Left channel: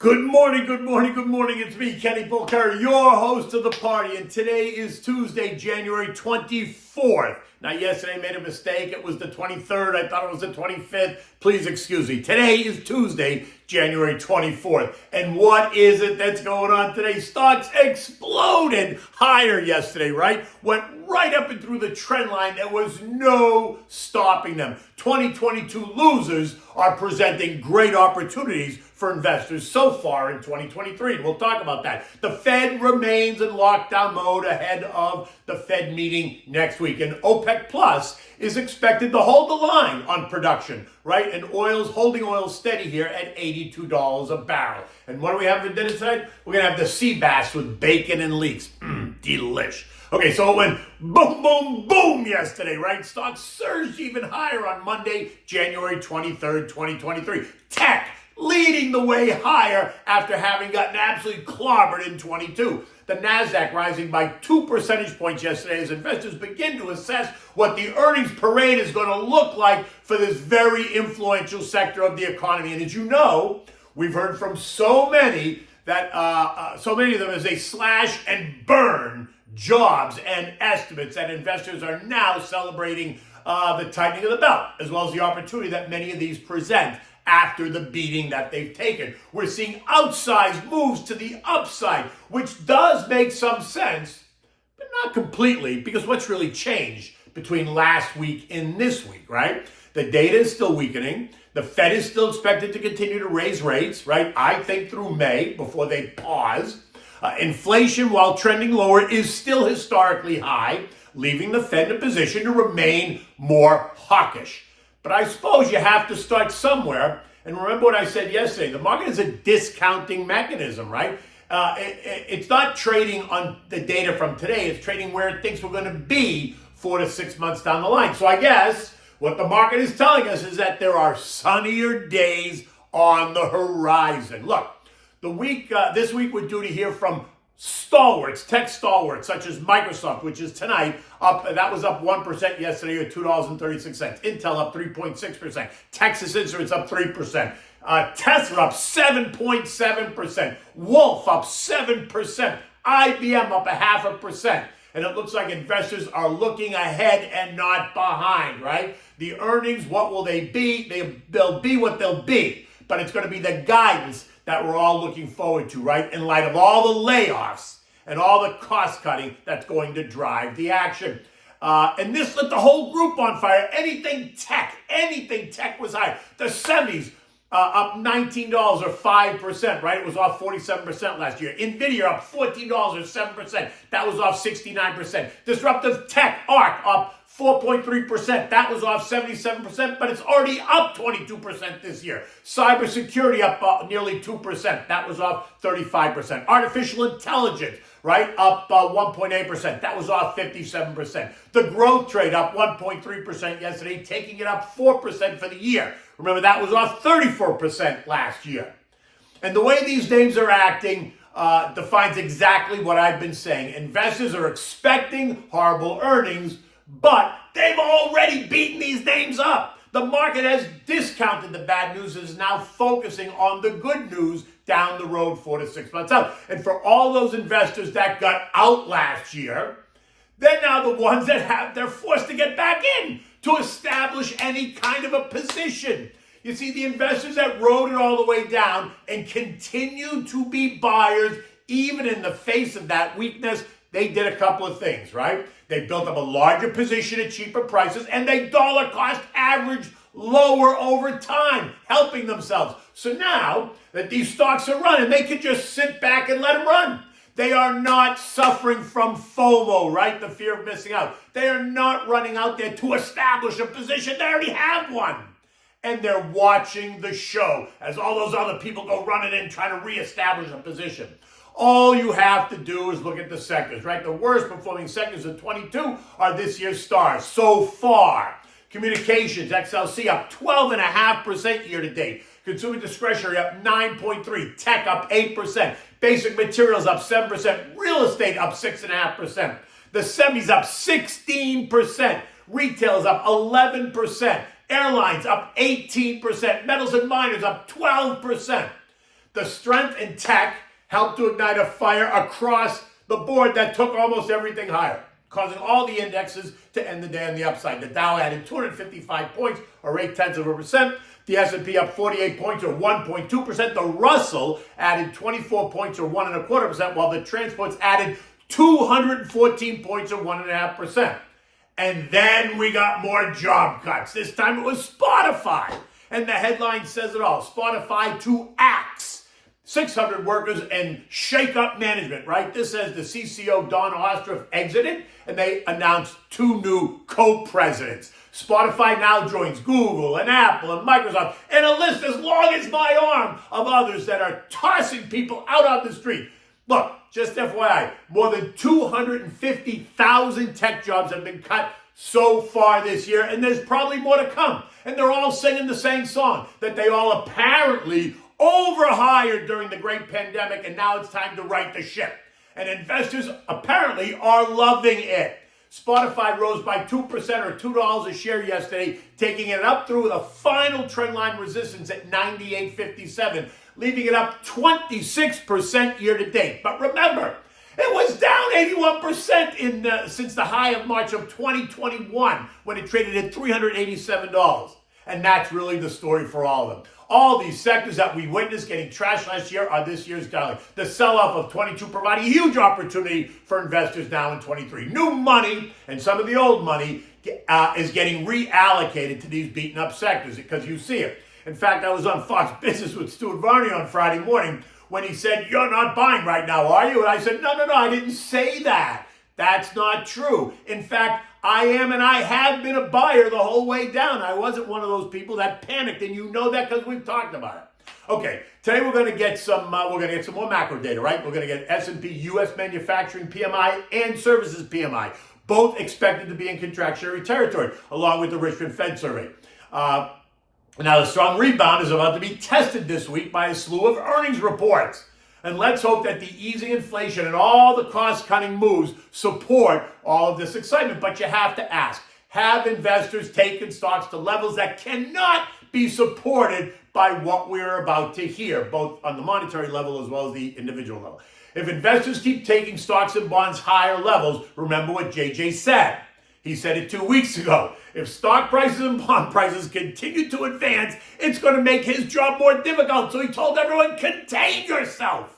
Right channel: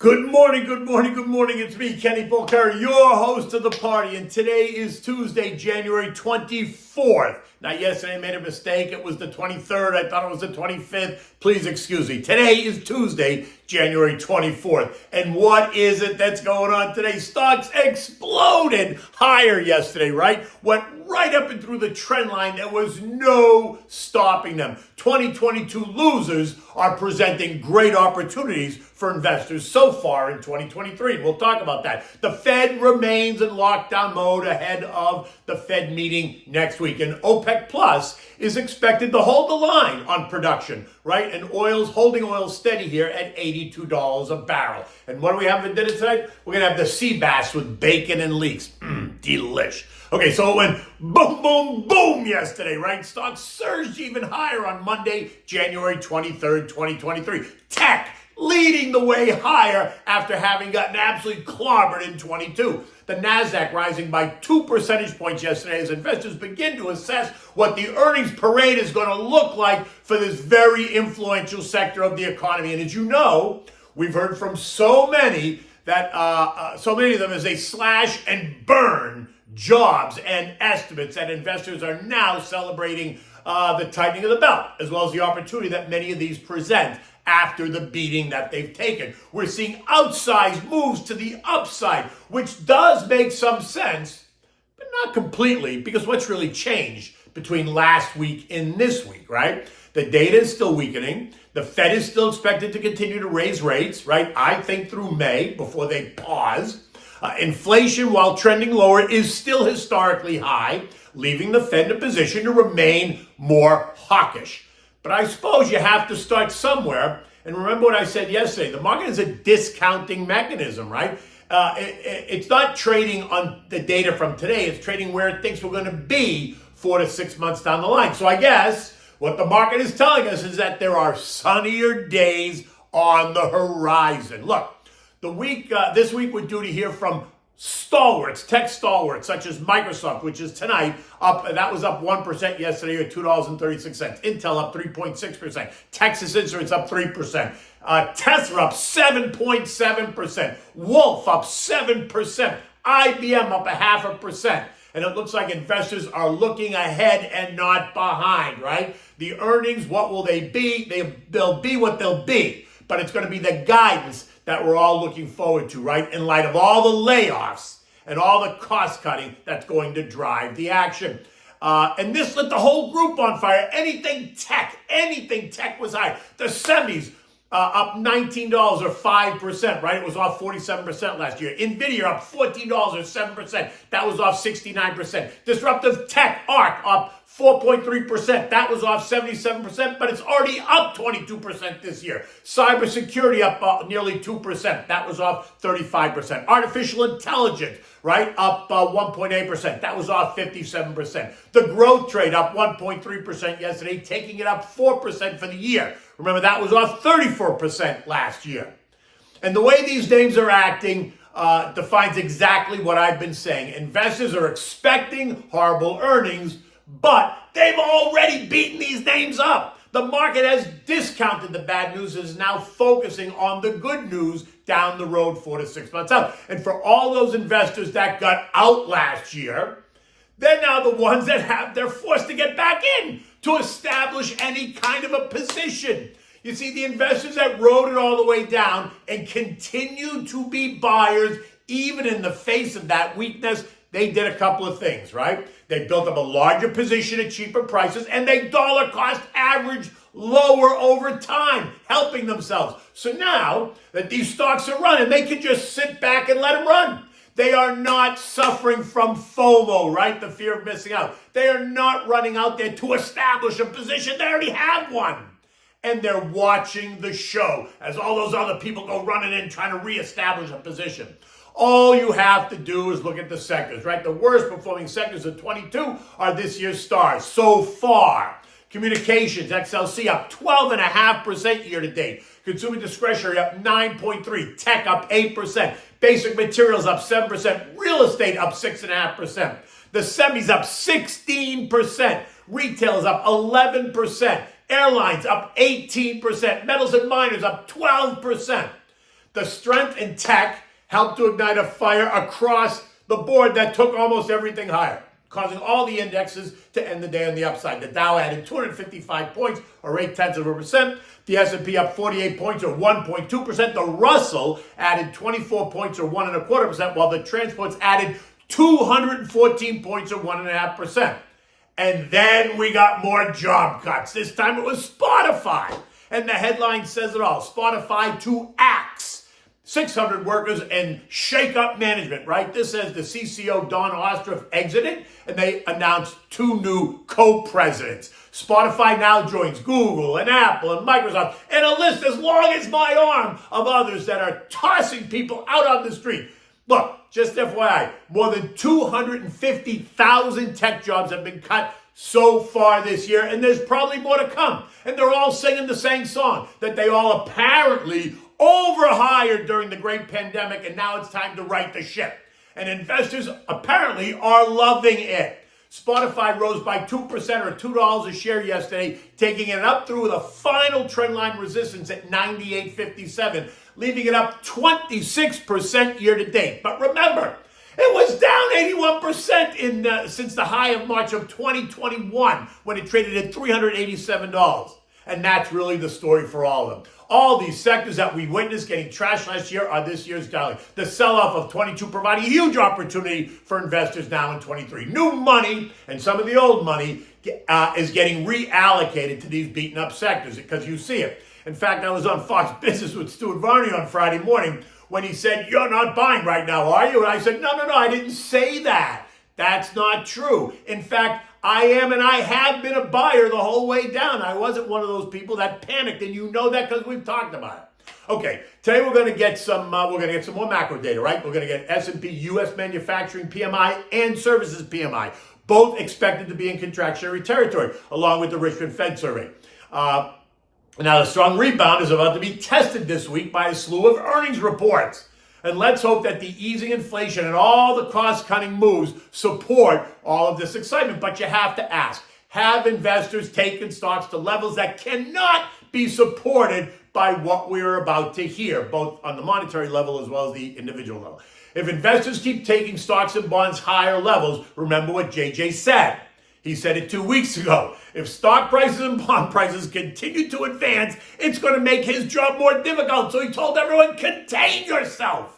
Good morning, good morning, good morning. It's me, Kenny Polcari, your host of the party. And today is Tuesday, January 24th. Now, yesterday I made a mistake. It was the 23rd. I thought it was the 25th. Please excuse me. Today is Tuesday, January 24th. And what is it that's going on today? Stocks exploded higher yesterday, right? Went right up and through the trend line. There was no stopping them. 2022 losers are presenting great opportunities for investors so far in 2023. And we'll talk about that. The Fed remains in lockdown mode ahead of the Fed meeting next week. And OPEC Plus is expected to hold the line on production, right? And oil's holding oil steady here at $82 a barrel. And what do we have for dinner tonight? We're going to have the sea bass with bacon and leeks. Delish. Okay, so it went boom, boom, boom yesterday, right? Stocks surged even higher on Monday, January 23rd, 2023. Tech leading the way higher after having gotten absolutely clobbered in 22. The NASDAQ rising by 2 percentage points yesterday as investors begin to assess what the earnings parade is going to look like for this very influential sector of the economy. And as you know, we've heard from so many that so many of them as they slash and burn jobs and estimates that investors are now celebrating the tightening of the belt, as well as the opportunity that many of these present after the beating that they've taken. We're seeing outsized moves to the upside, which does make some sense, but not completely, because what's really changed between last week and this week, right? The data is still weakening. The Fed is still expected to continue to raise rates, right? I think through May before they pause. Inflation, while trending lower, is still historically high, leaving the Fed in a position to remain more hawkish. But I suppose you have to start somewhere. And remember what I said yesterday. The market is a discounting mechanism, right? It's not trading on the data from today. It's trading where it thinks we're going to be 4 to 6 months down the line. So I guess what the market is telling us is that there are sunnier days on the horizon. Look, this week we're due to hear from stalwarts, tech stalwarts, such as Microsoft, which is tonight up. That was up 1% yesterday, or $2.36. Intel up 3.6%. Texas Instruments up 3%. Tesla up 7.7%. Wolf up 7%. IBM up 0.5%. And it looks like investors are looking ahead and not behind, right? The earnings, what will they be? They'll be what they'll be. But it's going to be the guidance that we're all looking forward to, right? In light of all the layoffs and all the cost cutting that's going to drive the action. And this lit the whole group on fire. Anything tech was high. The semis up $19 or 5%, right? It was off 47% last year. NVIDIA up $14 or 7%. That was off 69%. Disruptive tech, ARC, up 4.3%. That was off 77%, but it's already up 22% this year. Cybersecurity up nearly 2%. That was off 35%. Artificial intelligence, right, up 1.8%. That was off 57%. The growth trade up 1.3% yesterday, taking it up 4% for the year. Remember, that was off 34% last year. And the way these names are acting defines exactly what I've been saying. Investors are expecting horrible earnings, but they've already beaten these names up. The market has discounted the bad news and is now focusing on the good news down the road 4 to 6 months out. And for all those investors that got out last year, they're now the ones that they're forced to get back in to establish any kind of a position. You see, the investors that rode it all the way down and continue to be buyers, even in the face of that weakness, they did a couple of things, right? They built up a larger position at cheaper prices, and they dollar cost averaged lower over time, helping themselves. So now that these stocks are running, they can just sit back and let them run. They are not suffering from FOMO, right? The fear of missing out. They are not running out there to establish a position. They already have one. And they're watching the show as all those other people go running in trying to reestablish a position. All you have to do is look at the sectors, right? The worst performing sectors of 22 are this year's stars so far. Communications, XLC up 12.5% year to date. Consumer discretionary up 9.3%. Tech up 8%. Basic materials up 7%. Real estate up 6.5%. The semis up 16%. Retail is up 11%. Airlines up 18%. Metals and miners up 12%. The strength in tech helped to ignite a fire across the board that took almost everything higher, causing all the indexes to end the day on the upside. The Dow added 255 points, or 0.8%. The S&P up 48 points, or 1.2%. The Russell added 24 points, or 1.25%, while the transports added 214 points, or 1.5%. And then we got more job cuts. This time it was Spotify. And the headline says it all. Spotify to axe 600 workers and shake up management, right? This says the CCO, Don Ostroff, exited, and they announced 2 new co-presidents. Spotify now joins Google and Apple and Microsoft, and a list as long as my arm of others that are tossing people out on the street. Look, just FYI, more than 250,000 tech jobs have been cut so far this year, and there's probably more to come. And they're all singing the same song, that they all apparently overhired during the great pandemic, and now it's time to right the ship. And investors apparently are loving it. Spotify rose by 2% or $2 a share yesterday, taking it up through the final trendline resistance at 98.57, leaving it up 26% year to date. But remember, it was down 81% since the high of March of 2021, when it traded at $387. And that's really the story for all of them. All these sectors that we witnessed getting trashed last year are this year's darling. The sell-off of 22 providing a huge opportunity for investors now in 23. New money and some of the old money is getting reallocated to these beaten-up sectors because you see it. In fact, I was on Fox Business with Stuart Varney on Friday morning when he said, "You're not buying right now, are you?" And I said, no, I didn't say that. That's not true. In fact, I am and I have been a buyer the whole way down. I wasn't one of those people that panicked, and you know that because we've talked about it. Okay, today we're going to get some more macro data, right? We're going to get S&P U.S. manufacturing PMI and services PMI, both expected to be in contractionary territory, along with the Richmond Fed survey. Now, the strong rebound is about to be tested this week by a slew of earnings reports. And let's hope that the easing inflation and all the cost-cutting moves support all of this excitement. But you have to ask, have investors taken stocks to levels that cannot be supported by what we're about to hear, both on the monetary level as well as the individual level? If investors keep taking stocks and bonds higher levels, remember what JJ said. He said it 2 weeks ago. If stock prices and bond prices continue to advance, it's going to make his job more difficult. So he told everyone, contain yourself.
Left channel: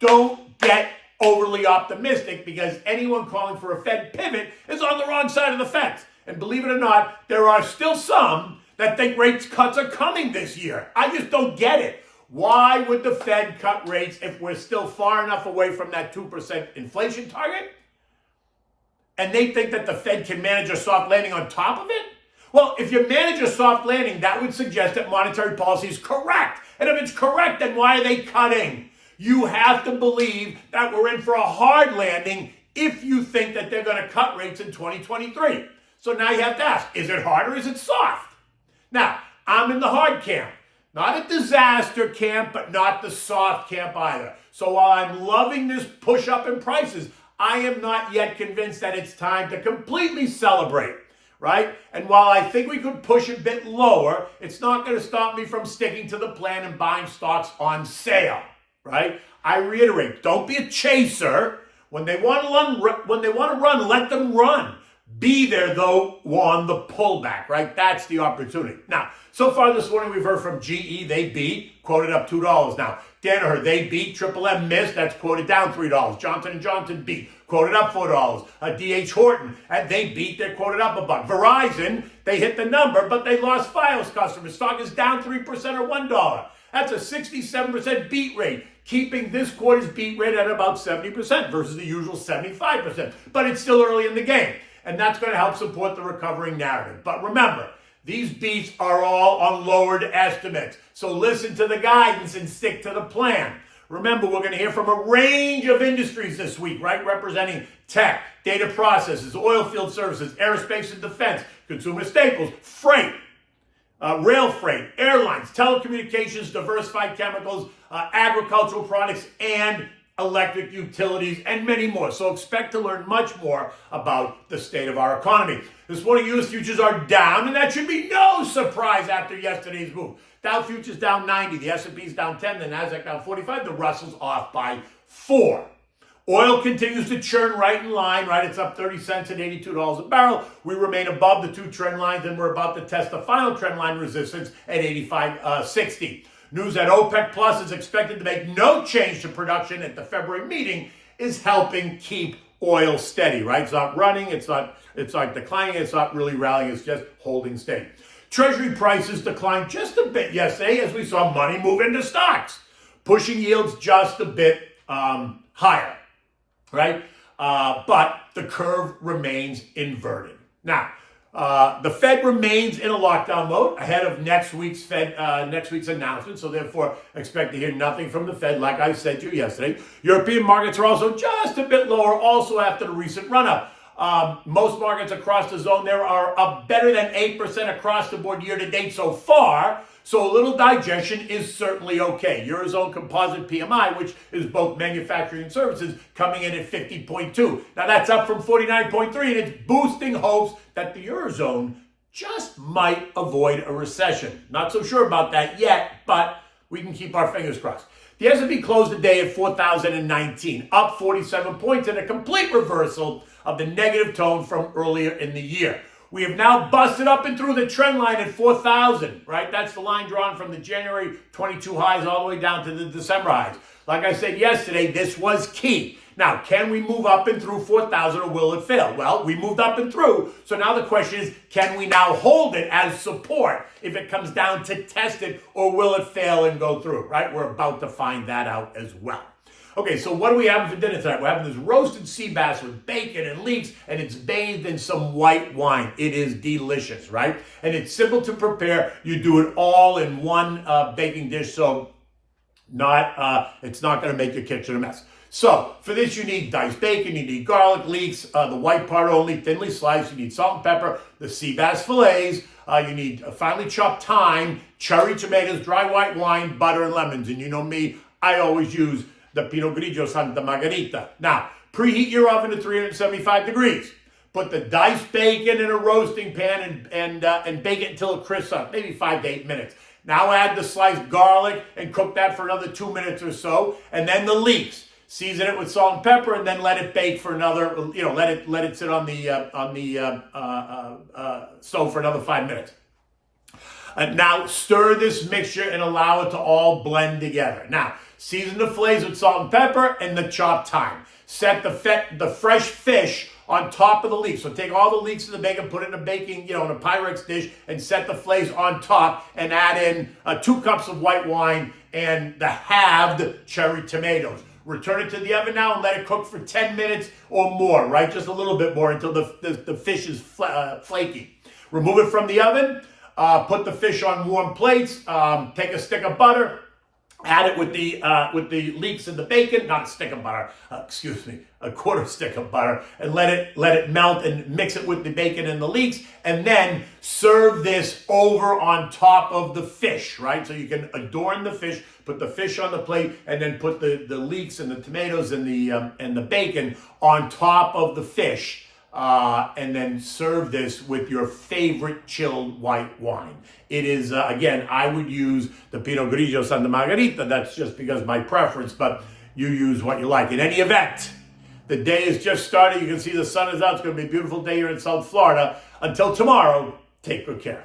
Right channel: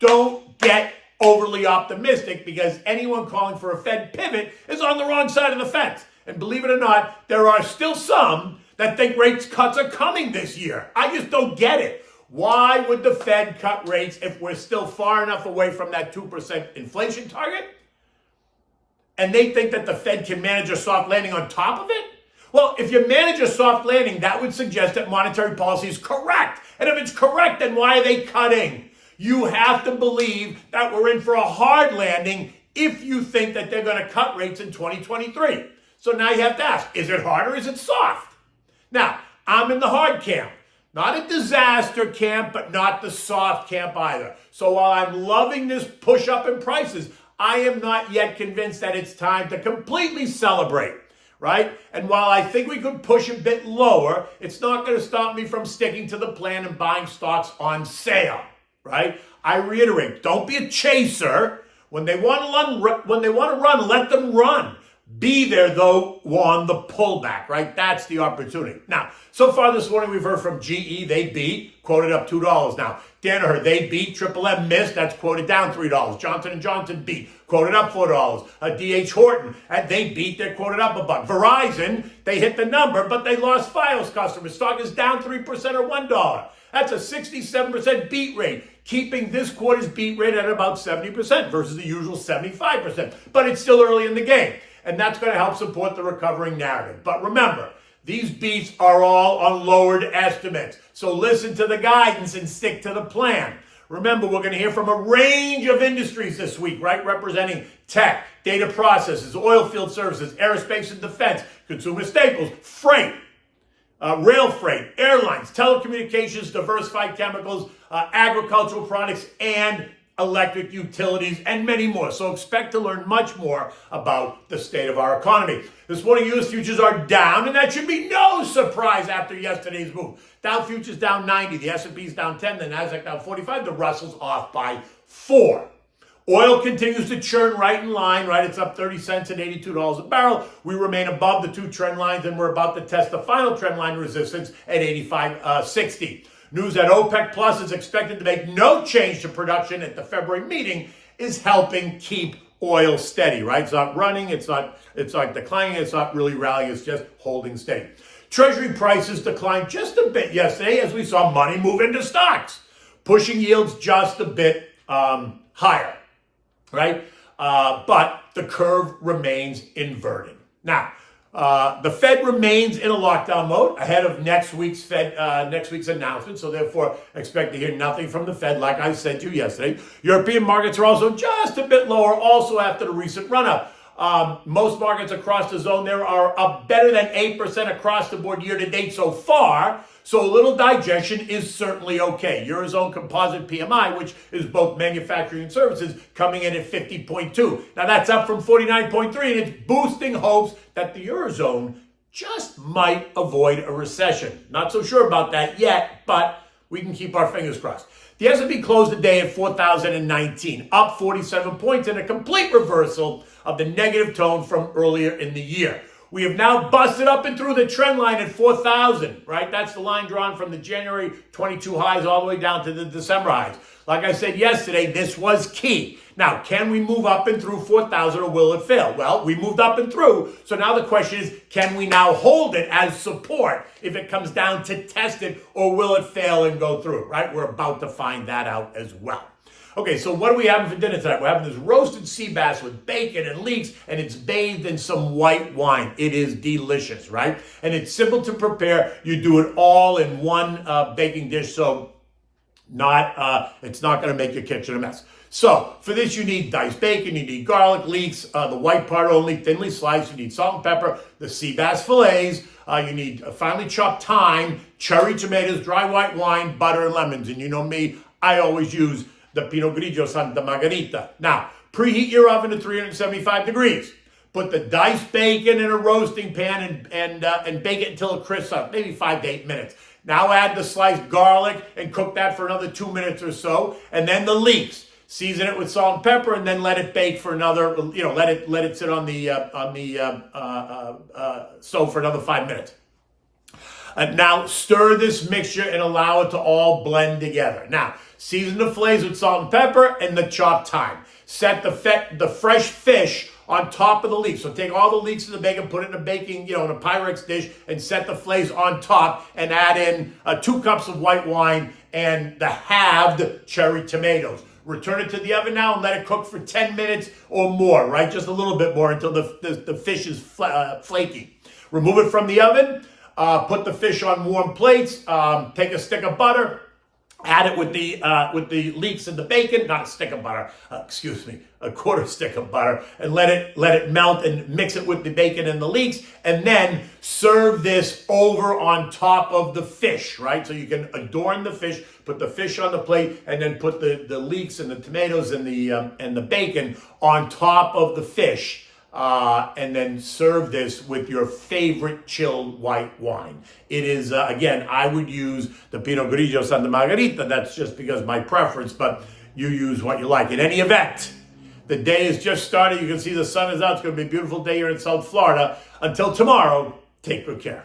Don't get overly optimistic, because anyone calling for a Fed pivot is on the wrong side of the fence. And believe it or not, there are still some that think rates cuts are coming this year. I just don't get it. Why would the Fed cut rates if we're still far enough away from that 2% inflation target? And they think that the Fed can manage a soft landing on top of it? Well, if you manage a soft landing, that would suggest that monetary policy is correct. And if it's correct, then why are they cutting? You have to believe that we're in for a hard landing if you think that they're going to cut rates in 2023. So now you have to ask, is it hard or is it soft? Now, I'm in the hard camp. Not a disaster camp, but not the soft camp either. So while I'm loving this push up in prices, I am not yet convinced that it's time to completely celebrate, right? And while I think we could push a bit lower, it's not going to stop me from sticking to the plan and buying stocks on sale, right? I reiterate, don't be a chaser. When they want to run, let them run. Be there, though, on the pullback, right? That's the opportunity. Now, so far this morning, we've heard from GE. They beat, quoted up $2 now. Danaher, they beat. Triple M missed. That's quoted down $3. Johnson & Johnson beat, quoted up $4. DH Horton, they beat. They're quoted up $1. Verizon, they hit the number, but they lost Fios customers. Stock is down 3% or $1. That's a 67% beat rate, keeping this quarter's beat rate at about 70% versus the usual 75%. But it's still early in the game, and that's going to help support the recovering narrative. But remember, these beats are all on lowered estimates. So listen to the guidance and stick to the plan. Remember, we're going to hear from a range of industries this week, right? Representing tech, data processes, oil field services, aerospace and defense, consumer staples, freight, rail freight, airlines, telecommunications, diversified chemicals, agricultural products, and electric utilities, and many more. So expect to learn much more about the state of our economy. This morning, U.S. futures are down, and that should be no surprise after yesterday's move. Dow futures down 90, the S&P's down 10, the Nasdaq down 45, the Russell's off by 4. Oil continues to churn right in line, right? It's up 30 cents at $82 a barrel. We remain above the 2 trend lines, and we're about to test the final trend line resistance at 85.60. News that OPEC Plus is expected to make no change to production at the February meeting is helping keep oil steady, right? It's not running, it's not declining, it's not really rallying, it's just holding steady. Treasury prices declined just a bit yesterday as we saw money move into stocks, pushing yields just a bit higher, right? But the curve remains inverted. Now, the Fed remains in a lockdown mode ahead of next week's announcement, so therefore expect to hear nothing from the Fed, like I said to you yesterday. European markets are also just a bit lower, also after the recent run-up. Most markets across the zone there are up better than 8% across the board year to date so far. So a little digestion is certainly okay. Eurozone composite PMI, which is both manufacturing and services, coming in at 50.2. Now that's up from 49.3, and it's boosting hopes that the Eurozone just might avoid a recession. Not so sure about that yet, but we can keep our fingers crossed. The S&P closed the day at 4,019, up 47 points, in a complete reversal of the negative tone from earlier in the year. We have now busted up and through the trend line at 4,000, right? That's the line drawn from the January 22 highs all the way down to the December highs. Like I said yesterday, this was key. Now, can we move up and through 4,000 or will it fail? Well, we moved up and through. So now the question is, can we now hold it as support if it comes down to test it, or will it fail and go through, right? We're about to find that out as well. Okay, so what are we having for dinner tonight? We're having this roasted sea bass with bacon and leeks, and it's bathed in some white wine. It is delicious, right? And it's simple to prepare. You do it all in one baking dish, so it's not going to make your kitchen a mess. So for this, you need diced bacon, you need garlic, leeks, the white part only, thinly sliced. You need salt and pepper, the sea bass fillets. You need finely chopped thyme, cherry tomatoes, dry white wine, butter, and lemons. And you know me, I always use the Pinot Grigio Santa Margherita. Now, preheat your oven to 375 degrees. Put the diced bacon in a roasting pan and bake it until it crisps up, maybe 5 to 8 minutes. Now add the sliced garlic and cook that for another 2 minutes or so, and then the leeks. Season it with salt and pepper, and then let it bake for another. Let it sit on the stove for another 5 minutes. Now stir this mixture and allow it to all blend together. Now season the fillets with salt and pepper and the chopped thyme. Set the fresh fish on top of the leeks. So take all the leeks and the bacon, put it in a baking, in a Pyrex dish, and set the fillets on top, and add in 2 cups of white wine and the halved cherry tomatoes. Return it to the oven now and let it cook for 10 minutes or more, right? Just a little bit more until the fish is flaky. Remove it from the oven. Put the fish on warm plates. Take a stick of butter. Add it with the leeks and the bacon. Not a stick of butter. A quarter stick of butter, and let it melt and mix it with the bacon and the leeks, and then serve this over on top of the fish, right? So you can adorn the fish, put the fish on the plate, and then put the leeks and the tomatoes and the bacon on top of the fish. And then serve this with your favorite chilled white wine. It is, again, I would use the Pinot Grigio Santa Margherita. That's just because my preference, but you use what you like. In any event, the day is just started. You can see the sun is out. It's going to be a beautiful day here in South Florida. Until tomorrow, take good care.